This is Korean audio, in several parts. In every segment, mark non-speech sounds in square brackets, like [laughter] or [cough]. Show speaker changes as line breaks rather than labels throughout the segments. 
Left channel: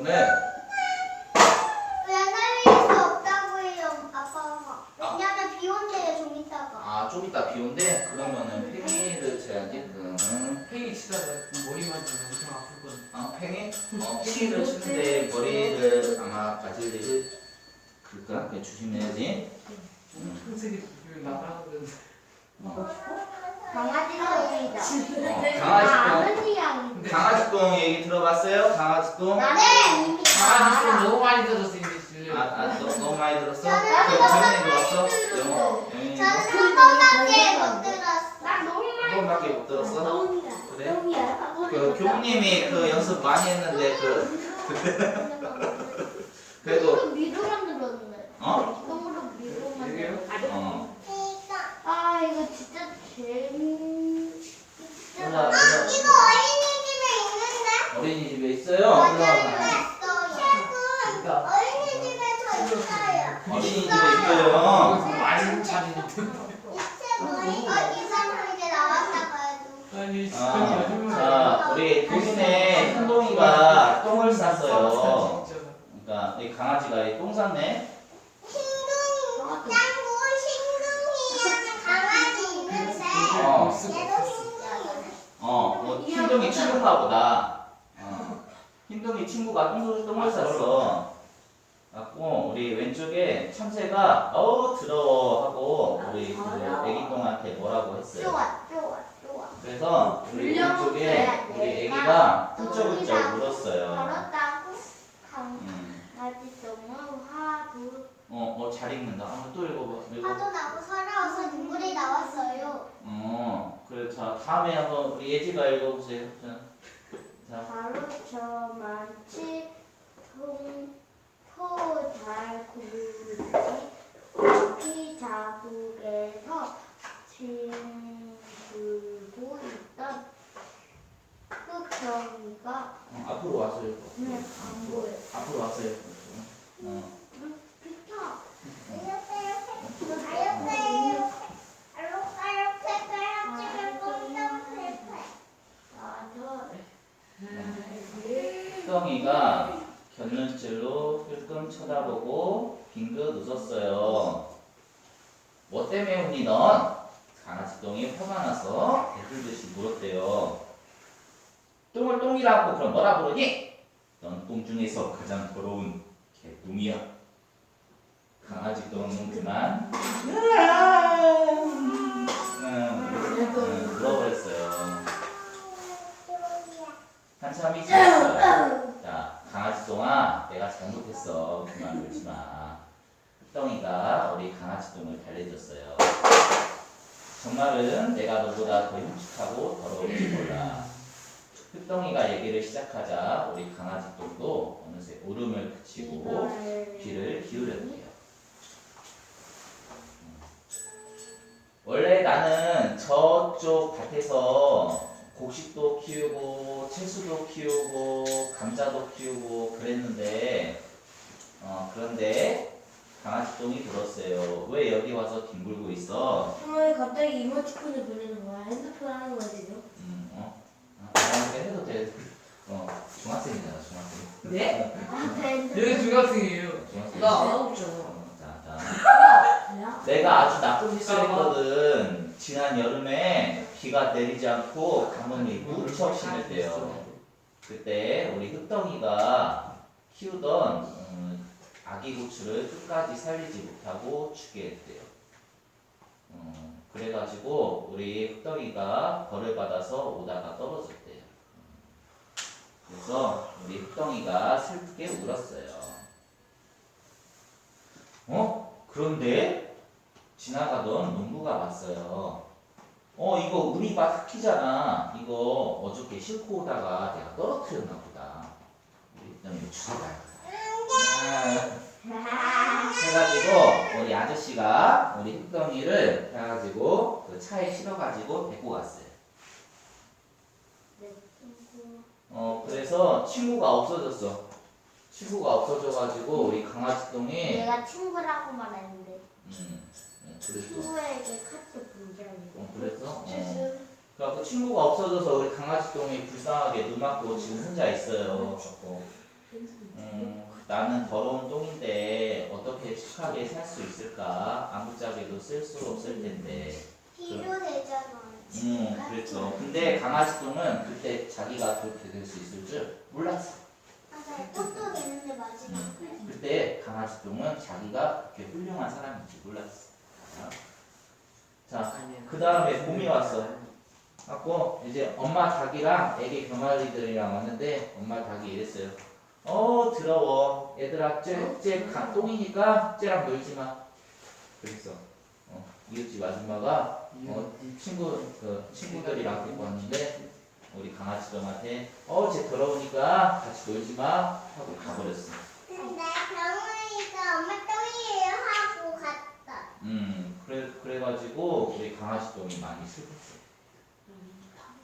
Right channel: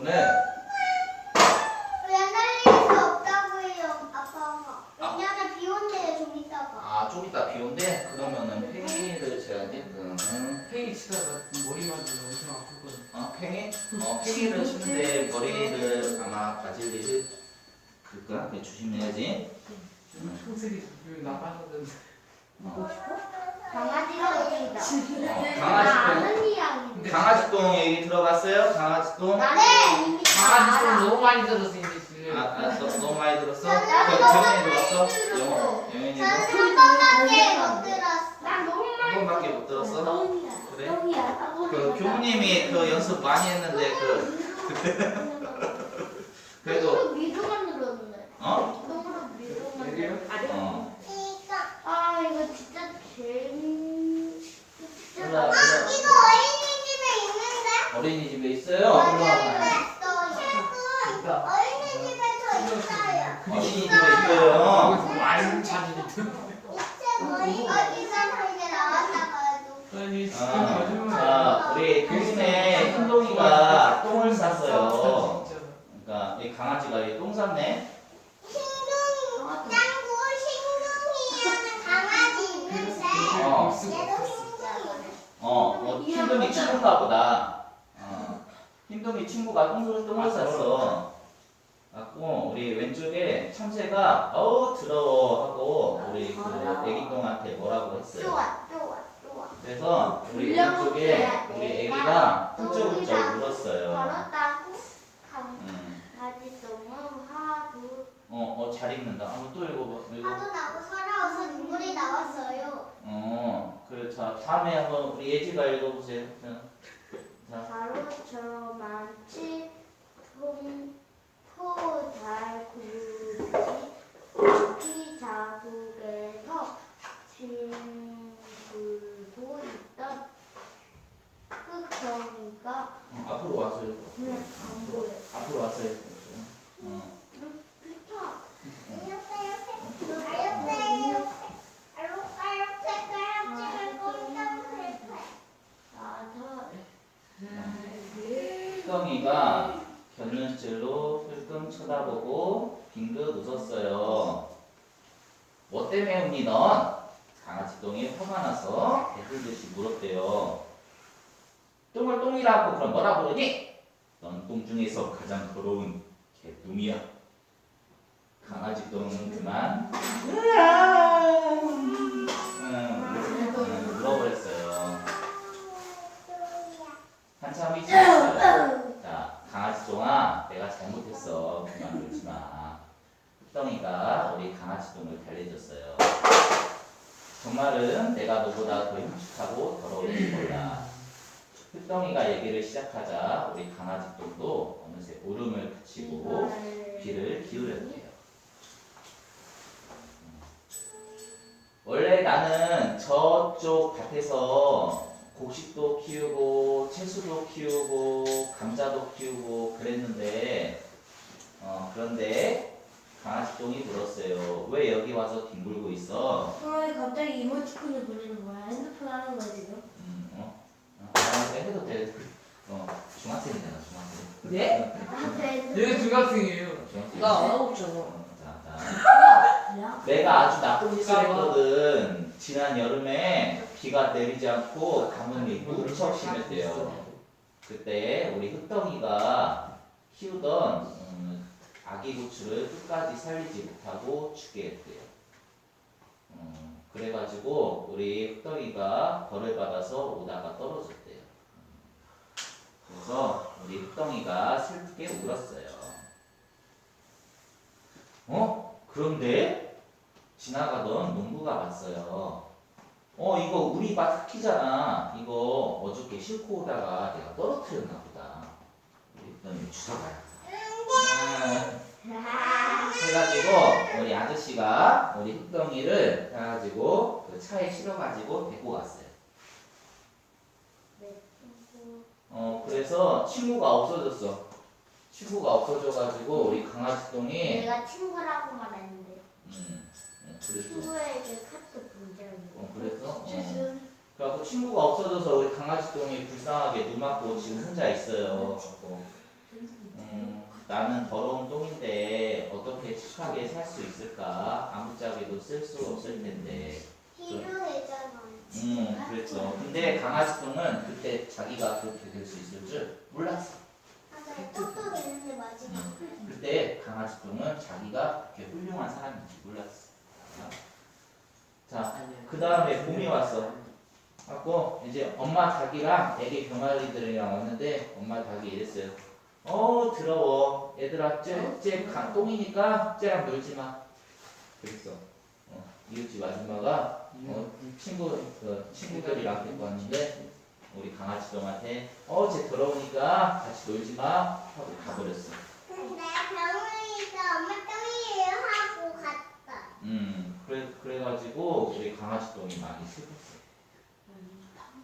오늘
왜 날릴 수 없다고 해요, 아빠가. 왜냐면 비 온대요, 좀 이따가.
아 좀 이따 비 온대 그러면은 팽이를 쳐야겠군
팽이 치다가 머리만 좀 엄청 아프거든.
어 팽이? 어 팽이를 치는데 머리를 아마 일을 그럴까? 그래 조심해야지
평생이 나가는
강아지가 나
강아지
아는 이야기.
똥 강아지 똥 얘기 들어봤어요? 강아지 똥?
나는 이미
강아지 좀
알아.
너무 많이 들었어 이제 지금.
아, 아 너, 너무 많이 들었어?
나는
저
너무
정현이 들었어? 영어 영현이
저는 도한 번밖에 못 들었어. 난 너무
한 번밖에 못 들었어?
똥이야.
그래?
똥이야.
그 교수님이 그 연습 많이 했는데 그 [laughs] 그래도
미루 만 들었네. 어로 미루만
이게요?
들었어.
어
아 이거 진짜 재밌. 진짜
몰라,
많아.
몰라.
이거 어린이집에 있는데?
어린이집에 있어요?
맞아요.
그러니까
어린이집에 저 있어요.
어린이집에 있어요
여기서 많이 참이
이거 이상 이제 나왔다 가지고.
아니
아,
지금
자 우리 교문에 큰동이가 똥을 쌌어요
진짜.
그러니까 이 강아지가 이똥 쌌네
짱구 싱둥이는 강아지 있는데
어.
얘도.
어, 뭐 흰둥이 친구인가 보다. 어, 흰둥이 친구가 똥을 똥을 쌌어. 갖고 우리 왼쪽에 참새가 어우 더러워 하고 우리 그 애기 똥한테 뭐라고 했어요.
좋아 좋아 좋아.
그래서 우리 왼쪽에 우리 애기가 훌쩍훌쩍.
걸었다고
음,
강아지 똥은 화두
어, 어, 잘 읽는다. 한번 또 읽어봐. 읽어.
화도 나고 서러워서 눈물이 나왔어요.
어, 그래 자 다음에 한번 우리 예지가 읽어보세요. 자, 자,
바로 저 많지 통토잘 굴지 고기 자국에서 뒹굴고 있던 흑덩이가
어, 앞으로 와서 읽어.
눈에 안 보여.
앞으로 와서 읽어. 어.
비켜. 이렇게 이렇게 이렇게 이렇게
흑덩이가 견눈질로 흘끔 쳐다보고 빙긋 웃었어요. 뭐 때문에 웃니 넌? 강아지 똥이 화가 나서 개굴듯이 물었대요. 똥을 똥이라고 그럼 뭐라 부르니? 넌 똥 중에서 가장 더러운 개똥이야. 강아지 똥은 그만 음, 흑덩이가 우리 강아지 똥을 달래줬어요. 정말은 내가 너보다 더 흉측하고 더러울지 몰라. 흑덩이가 얘기를 시작하자 우리 강아지 똥도 어느새 울음을 그치고 귀를 기울였대요. 원래 나는 저쪽 밭에서 곡식도 키우고 채소도 키우고 감자도 키우고 그랬는데 어, 그런데 강아지 똥이 불었어요. 왜 여기 와서 뒹굴고 있어?
왜 갑자기 이모티콘을 보내는 거야? 핸드폰 하는 거야 지금?
음, 어? 아, 나한테 해도 돼. 어, 중학생이잖아, 중학생.
예?
나한테
얘네 중학생이에요.
중학생.
나 안 하고 있잖아.
어, 자, 자.
야?
내가 아주 나쁜 짓을 했거든. 지난 여름에 비가 내리지 않고 가뭄이 무척 심했대요. 그때 우리 흑덩이가 키우던 음, 아기 고추를 끝까지 살리지 못하고 죽게 했대요. 음, 그래가지고 우리 흑덩이가 벌을 받아서 오다가 떨어졌대요. 음, 그래서 우리 흑덩이가 슬프게 울었어요. 어? 그런데 지나가던 농부가 왔어요. 어 이거 우리 밭 흙이잖아. 이거 어저께 싣고 오다가 내가 떨어뜨렸나 보다. 흑덩이 주워가요. 아, 해가지고 우리 아저씨가 우리 흑덩이를 해가지고 그 차에 실어가지고 데리고 갔어요. 어 그래서 친구가 없어졌어. 친구가 없어져가지고 우리 강아지 똥이
내가 친구라고 말했는데
음, 음, 그랬어.
친구에게 카톡 보내라고.
어, 그래서 어. 그래갖고 친구가 없어져서 우리 강아지 똥이 불쌍하게 눈 맞고 지금 혼자 있어요. 어. 음, 나는 더러운 똥인데 어떻게 착하게 살 수 있을까? 아무짝에도 쓸 수 없을 텐데.
필요되잖아요.
음, 그랬죠. 근데 강아지 똥은 그때 자기가 그렇게 될 수 있을 줄 몰랐어.
맞아요. 똑똑 있는데 마지막.
음, 그때 강아지 똥은 자기가 그렇게 훌륭한 사람인지 몰랐어. 자, 그 다음에 봄이 왔어. 갖고 이제 엄마 닭이랑 애기 병아리들이랑 왔는데 엄마 닭이 이랬어요. 어 더러워. 얘들아 쟤쟤 똥이니까 쟤랑 놀지 마. 그랬어. 어, 이웃집 아줌마가 어, 친구 그 친구들이랑 데리고 왔는데 우리 강아지 똥한테 어쟤 더러우니까 같이 놀지 마 하고 가버렸어.
근데 병원에서 엄마 똥이에요 하고 갔다.
음 그래 그래가지고 우리 강아지 똥이 많이 슬펐어.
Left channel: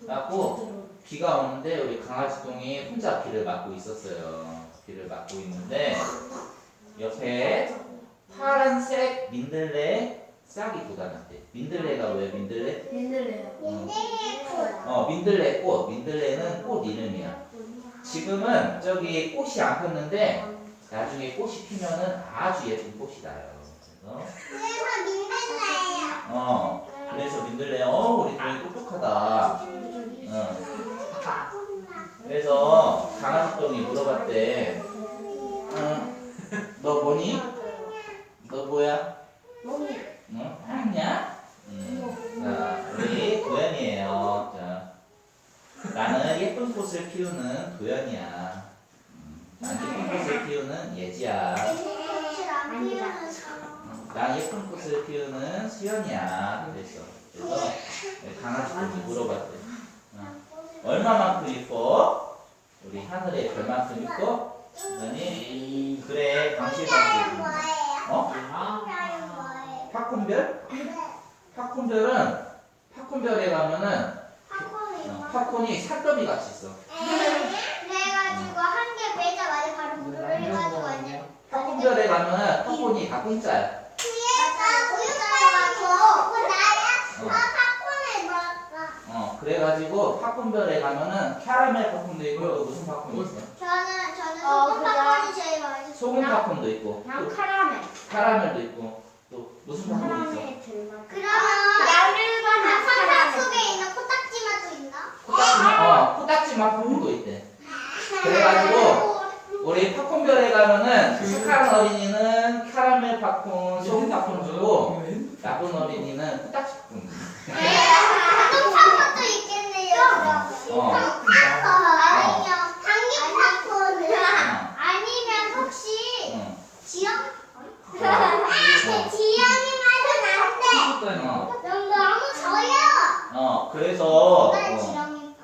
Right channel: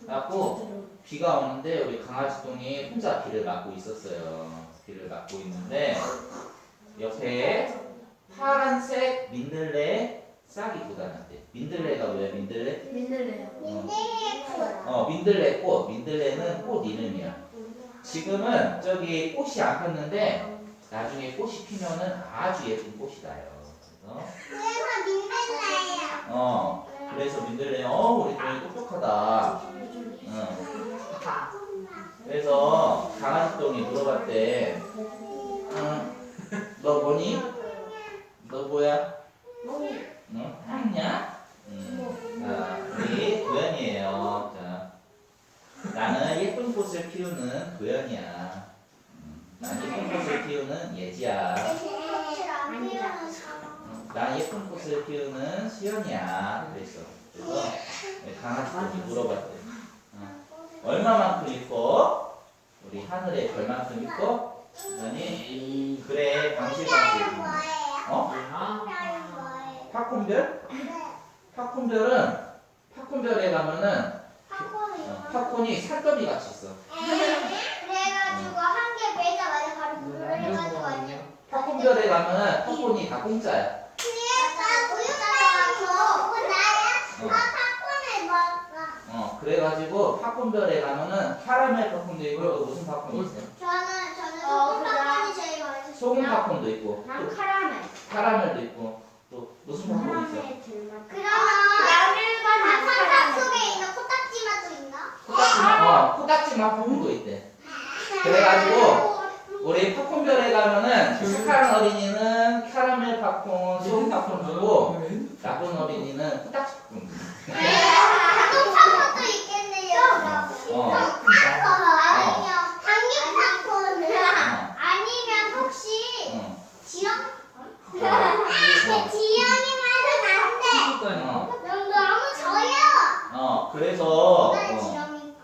갖고 비가 오는데 우리 강아지 똥이 혼자 비를 맞고 있었어요. 비를 맞고 있는데 옆에 파란색 민들레 싹이 돋아났대. 민들레가 왜 민들레?
민들레요.
민들레 꽃.
어 민들레 꽃. 민들레는 꽃 이름이야. 지금은 저기 꽃이 안 폈는데 나중에 꽃이 피면은 아주 예쁜 꽃이 나요. 그래서
그래서 민들레예요.
어 그래서 민들레 어 우리 똥이 똑똑하다. 어. 그래서 강아지 똥이 물어봤대. 응, 너 뭐니? 너 뭐야? 응? 아니야? 음, 자, 우리 도연이에요. 자, 나는 예쁜 꽃을 피우는 도연이야. 음, 난 예쁜 꽃을 피우는 예지야. 난 예쁜 꽃을 피우는 수연이야. 그랬어. 그래서 우리 강아지 똥이 물어봤대. 얼마만큼 이뻐? 우리 하늘의 별만큼 이뻐? 아니 그래 방실방실
뭐예요?
어? 팝콘별?
네.
팝콘별은 팝콘별에 가면은
팝콘이
산더미 같이 있어
그래가지고 한개 매자마자 바로 물을 해가지고 완전
팝콘별에 가면은 팝콘이 다 공짜야
맞아 우유가서 나야
어,
팝콘을 먹어
어 그래가지고 팝콘별에 가면은 캐러멜 팝콘도 있고 또 무슨 팝콘이 있어?
저는 저는
어,
소금 팝콘이 제일 맛있어요
소금 팝콘도 있고
그냥
또
카라멜.
캐러멜도 있고 또 무슨 팝콘이 있어?
카라멜 들만.
그러면
야들반
아, 선사 속에 있는 코딱지 맛도 있나?
코딱지 어 코딱지 맛 팝콘도 있대 그래가지고 우리 팝콘별에 가면은 착한 어린이는 캐러멜 팝콘, 소금 팝콘 주고 나쁜 어린이는 코딱지 팝콘 주고
또 팝콘도 있겠네요
어.
아니요 당근 팝콘은
어,
아니면 혹시
어,
지영?
어,
지영이 맛은 안돼
어,
너무 저요
어, 그래서
난
어,
지영이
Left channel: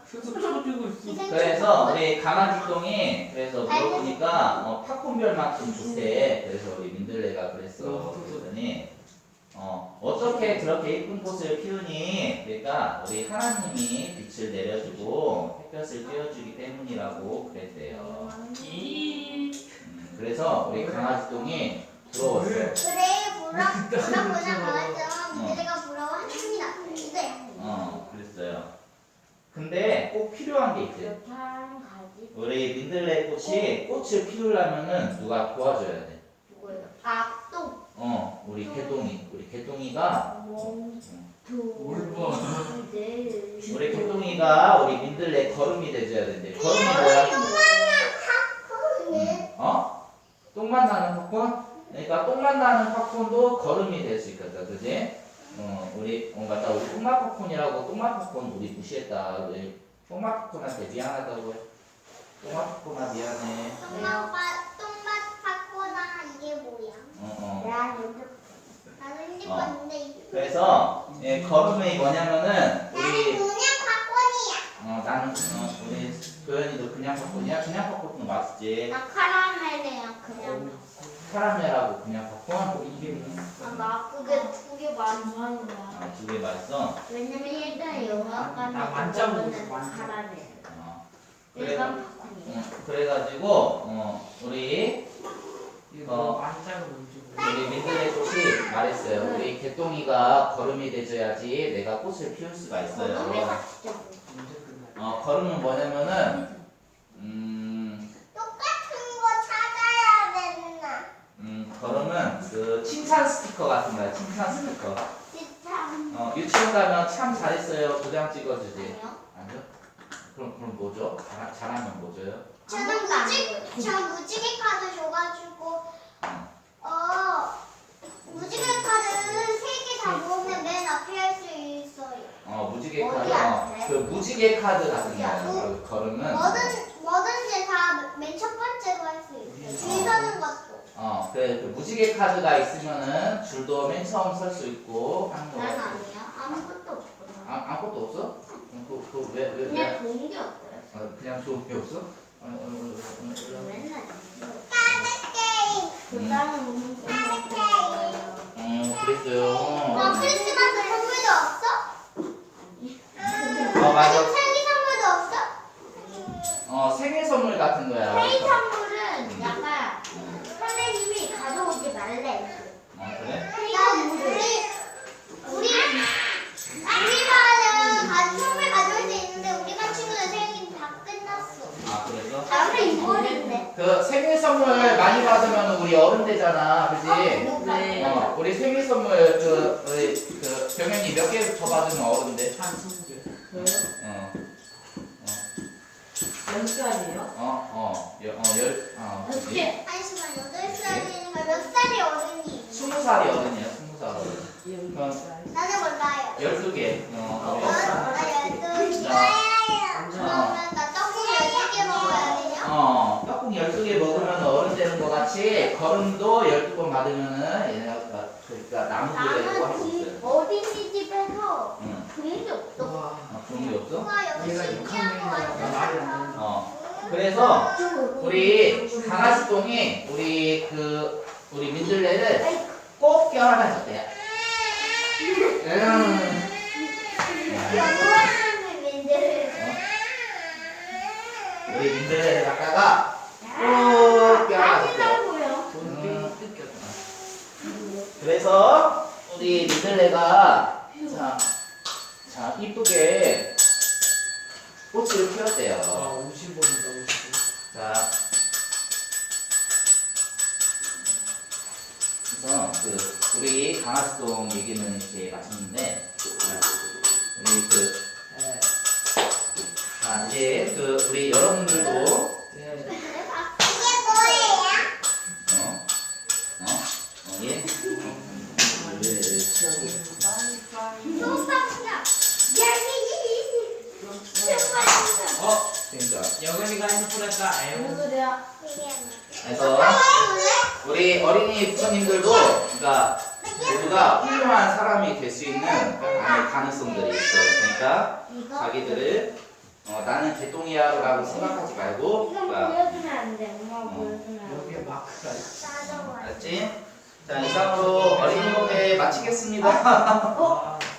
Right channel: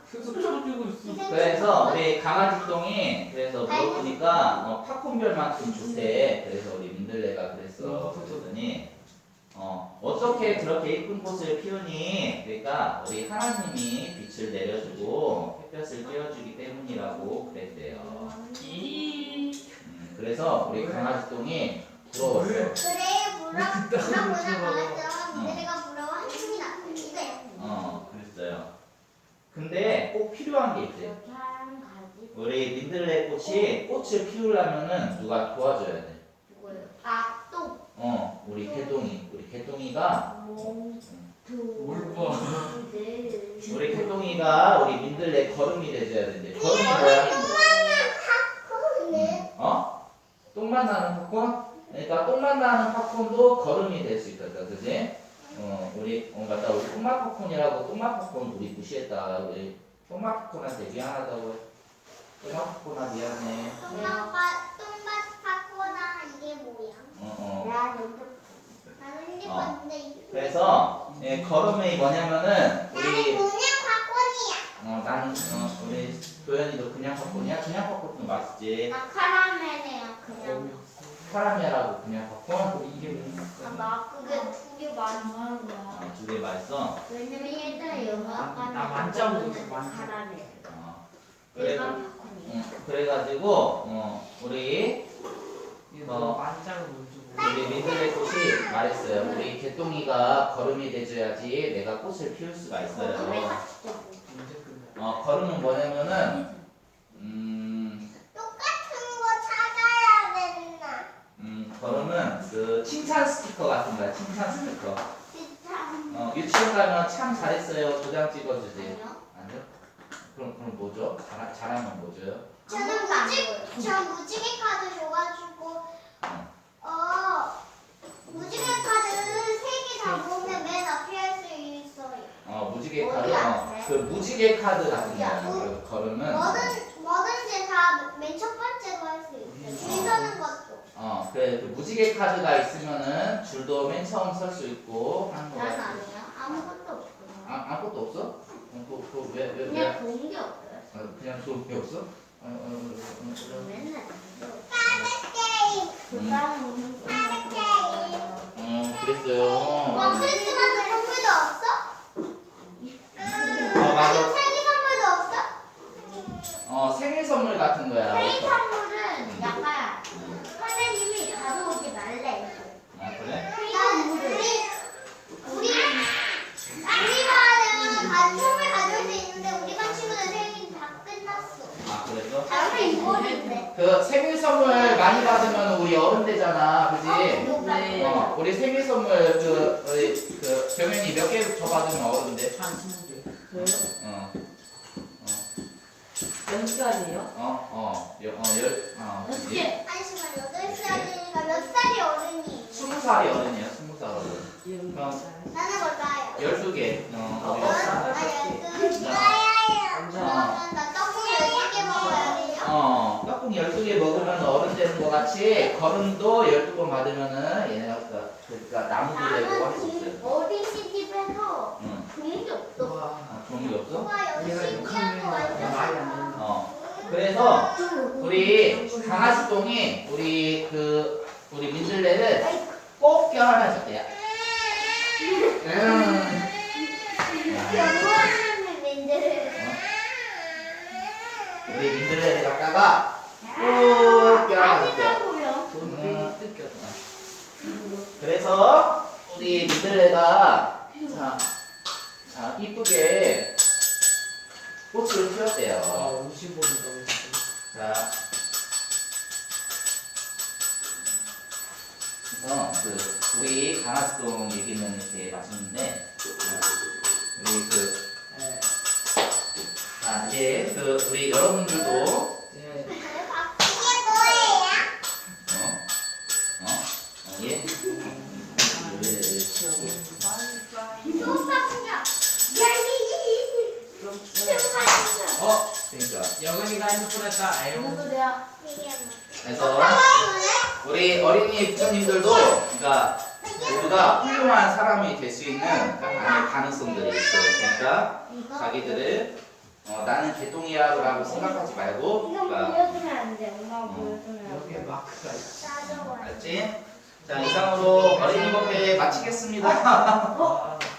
그래서 우리 강아지똥이 그래서 물어보니까 어, 팝콘별만큼 좋대 그래서 우리 민들레가 그랬어 그랬더니 어, 그렇게 예쁜 꽃을 피우니 그러니까 우리 하나님이 빛을 내려주고 햇볕을 띄워주기 때문이라고 그랬대요 음, 그래서 우리 강아지 똥이 부러웠어
그래 부러 부러보나 말았죠 민들레가 부러워 한숨이 났는데
어 그랬어요 근데 꼭 필요한 게
가지.
우리 민들레 꽃이 꽃을 피우려면은 누가 도와줘야 돼.
누구예요? 아또
어, 우리 개똥이, 우리 개똥이가. 우리 개똥이가 우리 민들레 걸음이 돼줘야 된대. 걸음이 뭐야? 음, 어? 똥만 나는 팝콘? 그러니까 똥만 나는 팝콘도 걸음이 될 수 있거든, 그지? 어, 우리 어, 맞다, 우리 똥맛 팝콘이라고 똥맛 팝콘 우리 무시했다. 우리 똥맛 팝콘한테 미안하다고. 똥맛 팝콘아 미안해.
똥맛 똥맛 팝콘아 이게 뭐야
어, 어.
나 먼저
나는 핸드폰인데 이게
그래서 예, 걸음이 뭐냐면은
나는
우리
그냥 팝콘이야.
어 나는 어, 우리 도현이도 그냥 팝콘이야? 그냥 팝콘도 맛있지?
나 카라멜이야 그냥.
카라멜하고 그냥 팝콘? 이게
아나 그게 두 개 많이 하는 거야?
아, 두개 맛있어?
왜냐면 일단 영화관
나 만져보고 있어, 만져.
카라멜.
어. 그래
일반 팝콘이야.
어, 그래가지고 어 우리
이거 만장을 못 주고.
우리 민들레 꽃이 말했어요. 우리 개똥이가 걸음이 되줘야지 내가 꽃을 피울 수가 있어요.
아,
어, 거름은 뭐냐면은 음,
똑같은 거 찾아야 맨날.
음 거름은 그 칭찬 스티커 같은 거야. 칭찬 스티커.
진짜.
어, 유치원 가면 참 잘했어요. 도장 찍어주지.
아니요?
그럼 그럼 뭐죠? 잘, 잘하면 뭐죠?
저는 무지, 저는 무지개 카드 줘가지고 무지개 카드. 어?
그 무지개 카드 같은? 거 걸으면
뭐든 뭐든지 다 맨 첫 번째로 할 수 있어요. 줄 서는 것도.
어 그래 그 무지개 카드가 있으면은 줄도 맨 처음 설 수 있고 하는
난
거야.
아니에요. 아무것도 없구나.
아, 아무것도 없어? 어, 그, 그, 왜, 왜, 왜?
그냥 좋은 게 없어요.
어, 그냥 좋은 게 없어? 어, 어, 어, 어, 어, 어.
맨날. 카드 게임.
그다음에 무슨 게임?
음, 그랬어요.
너 크리스마스 선물도 없어?
어, 맞아.
생일 선물도 없어?
어, 생일 선물 같은 거야.
회의 선물은 약간
음,
선생님이 가져오지 말래.
어, 그래?
회의
나
선물을.
우리 우리 우리 반은 가 선물 가져올 수 있는데 우리 반 친구들 생일 다 끝났어.
아, 그래서?
다음에 이월인데.
그 생일 선물 많이 받으면 우리 어른 되잖아. 그지?
네.
어, 우리 생일 선물 그, 우리 그, 별명이 몇 개 더 받으면 어른 돼?
한 20개.
어,
연습아니에요?
어, 어, 여, 어, 열, 어.
어떻게?
아니지만 여덟 살이니까 몇 살이 어른이?
스무 살이 어른이야, 스무 살 어른.
나는 몰라요.
열두 개. 어,
나
우리
열두 개.
완전.
그러면 나 떡국 열두 개 먹어야 돼요?
어, 떡국 12개 먹으면 어른 되는 것 같이 걸음도 12번 받으면은 얘네가 그- 그러니까 되고 할수 있어요.
나는 어린이집에서
응.
그런 게 없어.
와.
아, 게 없어?
우와 여기
얘가
신기한 거
6학년이라 말이 안
완전
되는
어. 그래서 우리 강아지똥이 우리 그 우리 민들레를 꼭 껴안아줬대요. 음. 야,
연구하는 민들.
우리 민들레를 갖다가 꼭 껴안아줬대요.
아니라고요.
음.
뜯겼다.
그래서 우리 민들레가 자, 자 이쁘게 꽃을
와,
피웠대요.
50원이다, 50원.
자, 그래서 그 우리 강아지똥 얘기는 이렇게 마쳤는데 자, 우리 그
네.
자, 이제 그 우리 여러분들도
네.
이게 뭐예요?
어? 어? 어? 예? 어? 그러니까
여근이가 핸드폰 했다.
무슨
아이고.
소리야?
이게
그래서? 우리 어린이 부모님들도 그러니까 모두가 훌륭한 사람이 될 수 있는 안에 가능성들이 있어요. 그러니까? 자기들을 어, 나는 개똥이야라고 생각하지 말고
이건
그러니까
보여주면 안 돼. 엄마가
어.
보여주면 안
여기에
돼.
마크가 있어.
나도
알았지? 자 이상으로 어린이 목회 마치겠습니다.
아, [laughs]